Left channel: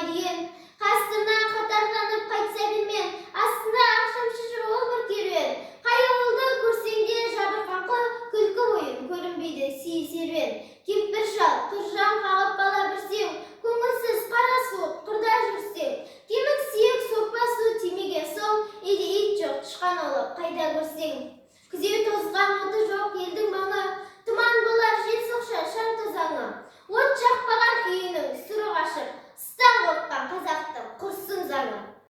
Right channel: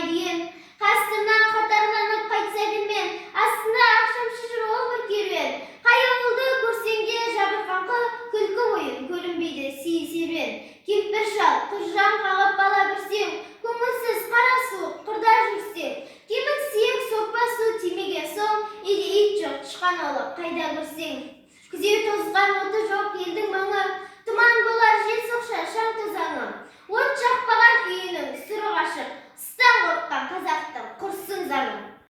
болмай деген. Қастырынан қатарланып қайтса білмен, астында ақшам шыжыр ол бір керуен. Қай ауылды көрсең де жабырқаңқы, күлкі ойын көрінбейді сый серуен. Кемпір шал, тұржан